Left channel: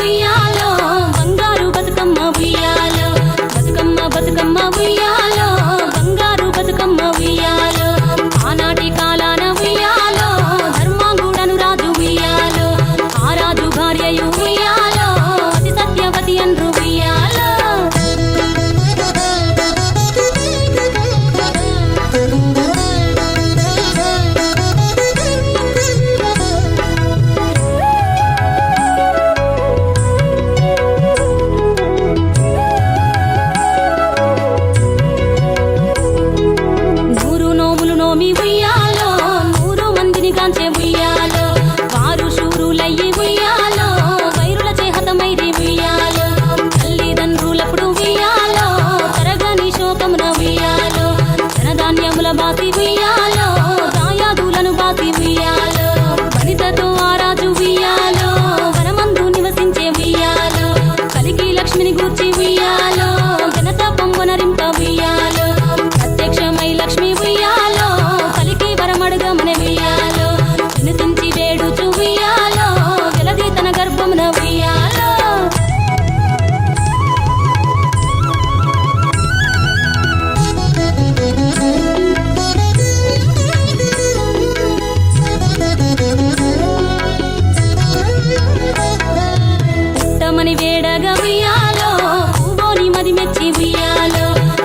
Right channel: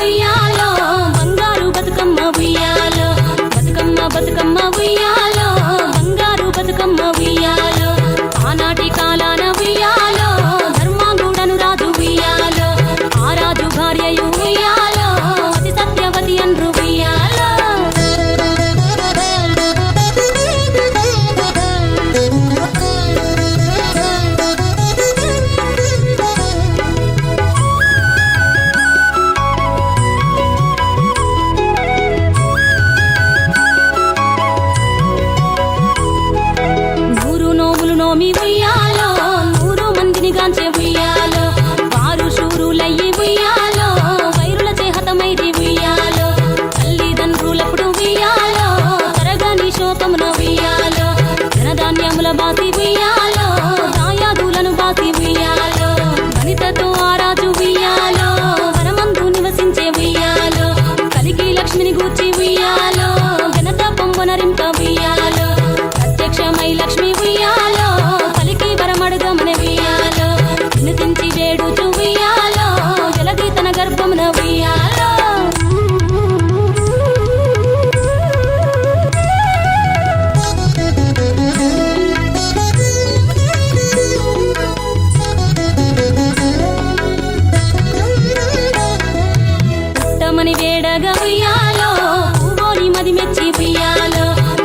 ఉయ్యాలో బంగారు బతుకమ్మ ఉయ్యాలో బతుకమ్మ బతుకమ్మ ఉయ్యాలో బంగారు బతుకమ్మ ఉయ్యాలో ఆనాటి కాలాన ఉయ్యాలో ధర్మాంగుడను రాజు ఉయ్యాలో ఆ రాజు భార్యయు ఉయ్యాలో అతి సత్యవతి అన్రు ఉయ్యాలో నోమి ఉయ్యాలో 100 మందిని గాంచే ఉయ్యాలో వారు శూరులయ్యి ఉయ్యాలో వైరుల చేహతమైరి ఉయ్యాలో తల్లిదండ్రులప్పుడు ఉయ్యాలో తరగని శోకమున ఉయ్యాలో ధనధాన్యముల బాసి ఉయ్యాలో దాయాదులను బాసి ఉయ్యాలో వనితతో ఆరాజు ఉయ్యాలో వనమందు నివసించే ఉయ్యాలో కలికి లక్ష్మిని గూర్చి ఉయ్యాలో ఘనత పొంగునరింప ఉయ్యాలో ప్రత్యక్షమై లక్ష్మి ఉయ్యాలో పలికి వరమడుగమన ఉయ్యాలో వినుతించి వేడుచు ఉయ్యాలో వెలది తన గర్భమున ఉయ్యాలో పుట్టమని వేడగా ఉయ్యాలో పూవోని మది మెచ్చి ఉయ్యాలో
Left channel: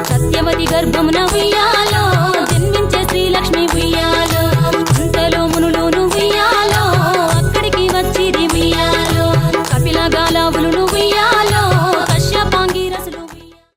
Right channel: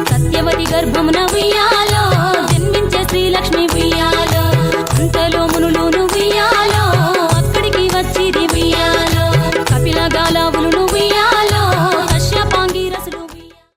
సత్యవతి గర్భమున ఉయ్యాలో జన్మించే శ్రీలక్ష్మి ఉయ్యాలో అంతలో మునులును ఉయ్యాలో అక్కడికి వచ్చిరి ఉయ్యాలో కపిల గాలావులు ఉయ్యాలో కశ్యపాంగి రసులు